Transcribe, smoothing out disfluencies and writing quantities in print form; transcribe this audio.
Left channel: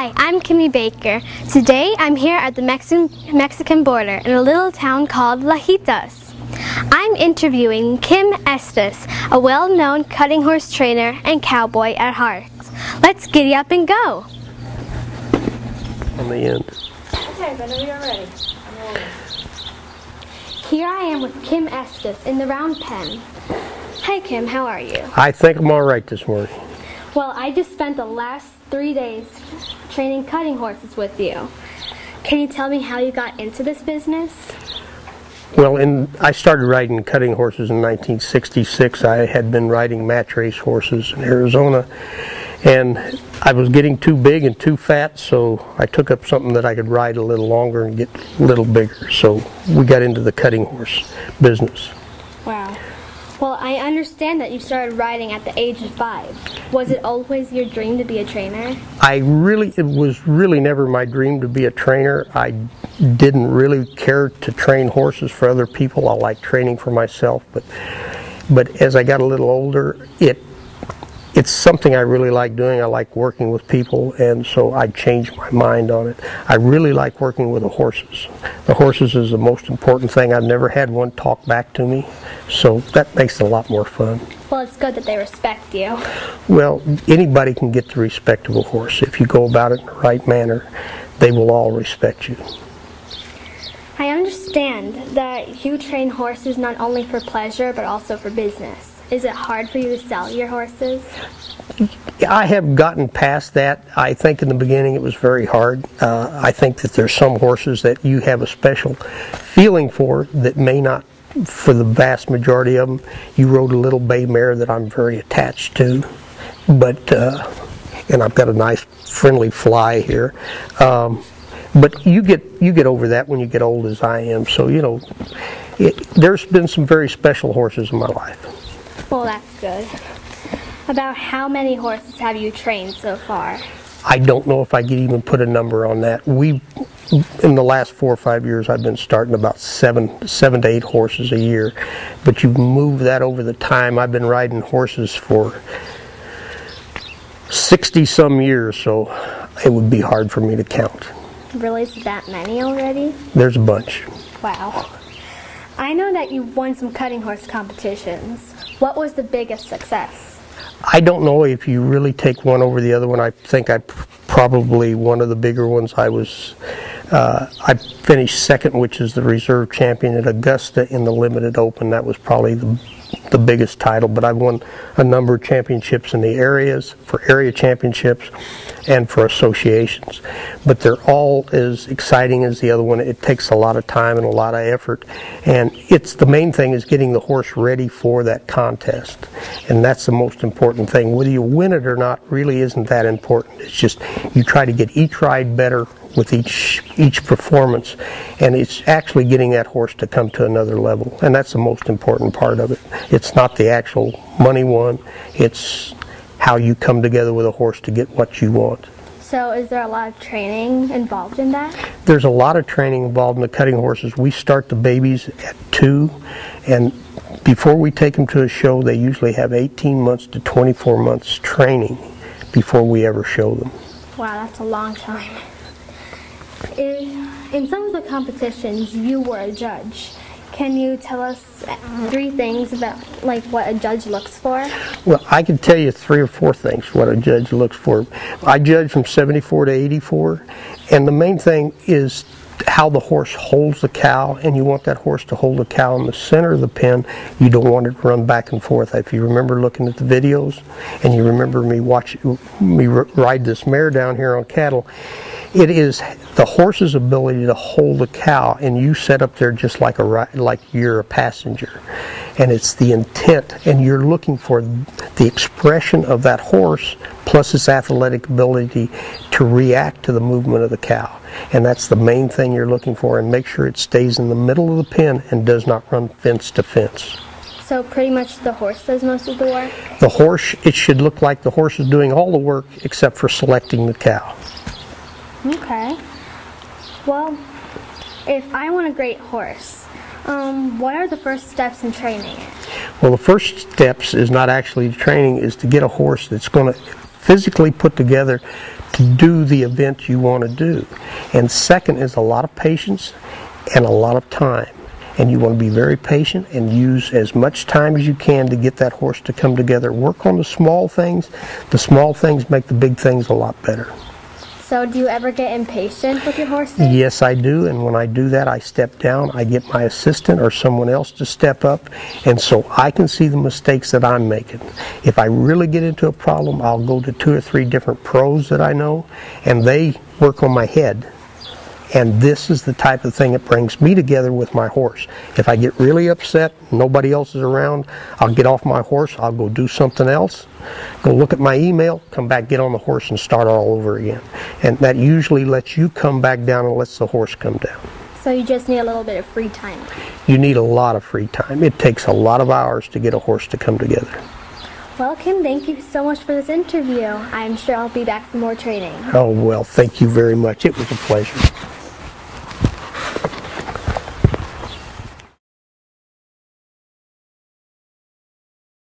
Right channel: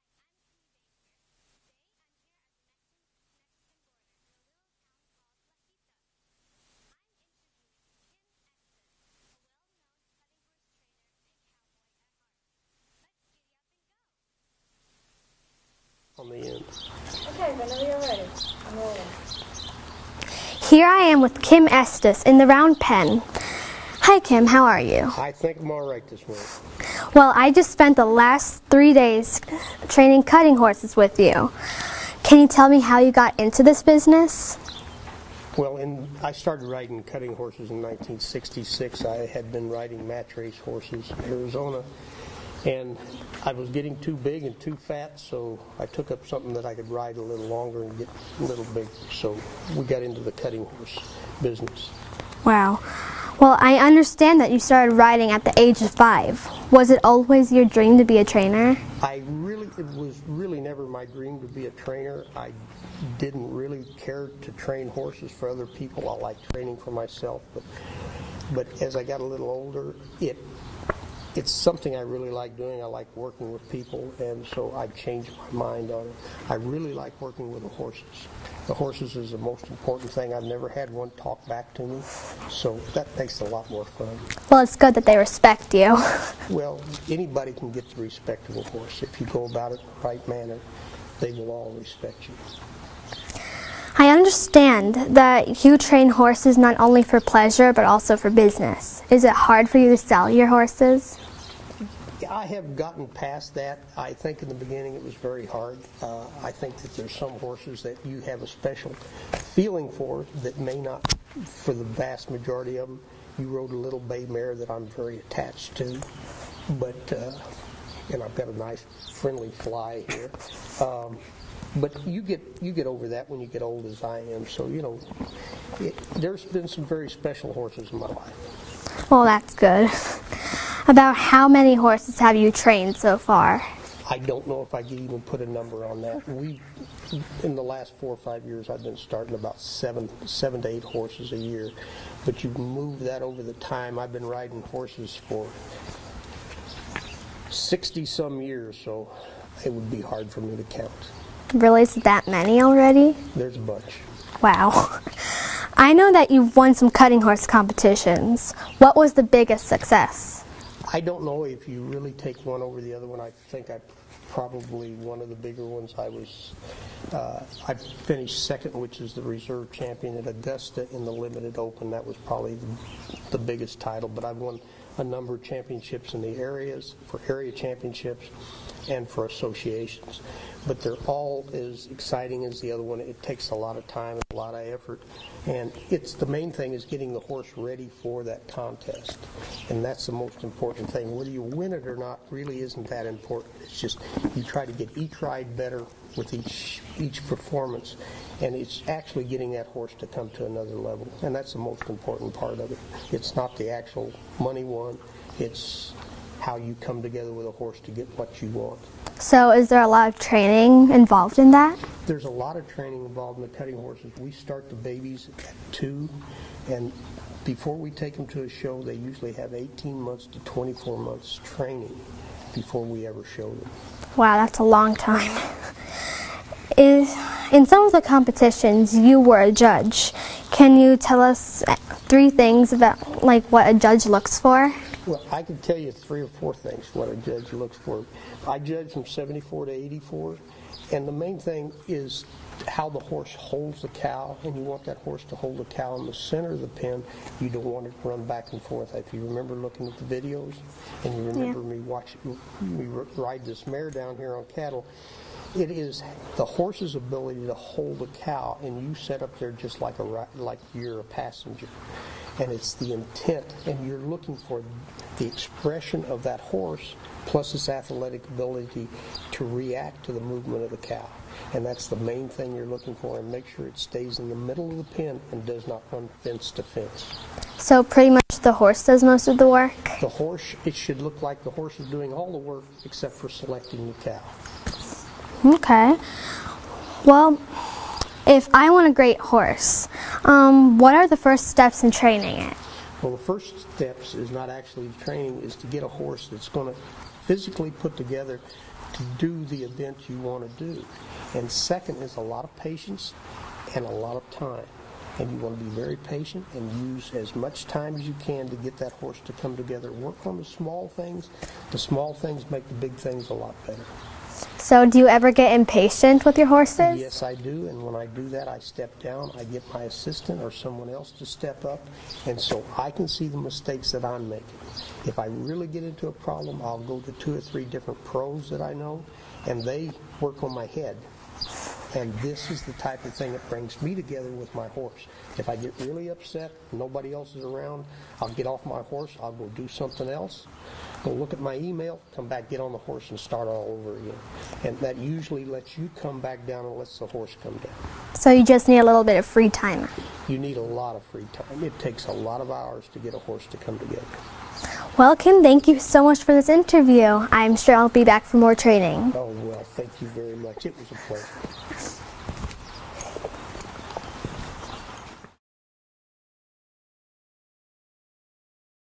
Hi, I'm Kimmy Baker. Today I'm here at the Mexican border in a little town called Lajitas. I'm interviewing Kim Estes, a well-known cutting horse trainer and cowboy at heart. Let's giddy up and go. On the end. Okay, whenever you're ready. Here I am with Kim Estes in the round pen. Hi Kim, how are you? I think I'm all right this morning. Well, I just spent the last 3 days training cutting horses with you. Can you tell me how you got into this business? Well, I started riding cutting horses in 1966. I had been riding match race horses in Arizona, and I was getting too big and too fat, so I took up something that I could ride a little longer and get a little bigger. So we got into the cutting horse business. Wow. Well, I understand that you started riding at the age of 5. Was it always your dream to be a trainer? It was really never my dream to be a trainer. I didn't really care to train horses for other people. I liked training for myself, but as I got a little older, it's something I really like doing. I like working with people, and so I changed my mind on it. I really like working with the horses. The horses is the most important thing. I've never had one talk back to me, so that makes it a lot more fun. Well, it's good that they respect you. Well, anybody can get the respect of a horse. If you go about it in the right manner, they will all respect you. I understand that you train horses not only for pleasure, but also for business. Is it hard for you to sell your horses? I have gotten past that. I think in the beginning it was very hard. I think that there's some horses that you have a special feeling for that may not, for the vast majority of them. You rode a little bay mare that I'm very attached to, and I've got a nice friendly fly here. But you get over that when you get old as I am. So, you know, there's been some very special horses in my life. Well, that's good. About how many horses have you trained so far? I don't know if I could even put a number on that. In the last 4 or 5 years, I've been starting about seven to 8 horses a year. But you move that over the time. I've been riding horses for 60-some years, so it would be hard for me to count. Really? Is it that many already? There's a bunch. Wow. I know that you've won some cutting horse competitions. What was the biggest success? I don't know if you really take one over the other one. I think probably one of the bigger ones. I finished second, which is the reserve champion at Augusta in the Limited Open. That was probably the biggest title, but I've won a number of championships in the areas, for area championships and for associations. But they're all as exciting as the other one. It takes a lot of time and a lot of effort, and the main thing is getting the horse ready for that contest, and that's the most important thing. Whether you win it or not really isn't that important. It's just you try to get each ride better with each performance, and it's actually getting that horse to come to another level, and that's the most important part of it. It's not the actual money won, it's how you come together with a horse to get what you want. So is there a lot of training involved in that? There's a lot of training involved in the cutting horses. We start the babies at 2, and before we take them to a show, they usually have 18 months to 24 months training before we ever show them. Wow, that's a long time. In some of the competitions, you were a judge. Can you tell us 3 things about what a judge looks for? Well, I can tell you 3 or 4 things what a judge looks for. I judge from 74 to 84, and the main thing is how the horse holds the cow, and you want that horse to hold the cow in the center of the pen. You don't want it to run back and forth. If you remember looking at the videos, and you remember me ride this mare down here on cattle, it is the horse's ability to hold the cow, and you set up there just like you're a passenger. And it's the intent, and you're looking for the expression of that horse plus its athletic ability to react to the movement of the cow. And that's the main thing you're looking for, and make sure it stays in the middle of the pen and does not run fence to fence. So pretty much the horse does most of the work? The horse, it should look like the horse is doing all the work except for selecting the cow. Okay. Well, if I want a great horse, what are the first steps in training it? Well, the first steps is not actually training, is to get a horse that's going to physically put together to do the event you want to do. And second is a lot of patience and a lot of time. And you want to be very patient and use as much time as you can to get that horse to come together. Work on the small things. The small things make the big things a lot better. So do you ever get impatient with your horses? Yes, I do, and when I do that, I step down, I get my assistant or someone else to step up, and so I can see the mistakes that I'm making. If I really get into a problem, I'll go to 2 or 3 different pros that I know, and they work on my head. And this is the type of thing that brings me together with my horse. If I get really upset, nobody else is around, I'll get off my horse, I'll go do something else, go look at my email, come back, get on the horse, and start all over again. And that usually lets you come back down and lets the horse come down. So you just need a little bit of free time. You need a lot of free time. It takes a lot of hours to get a horse to come together. Well, Kim, thank you so much for this interview. I'm sure I'll be back for more training. Oh, well, thank you very much. It was a pleasure.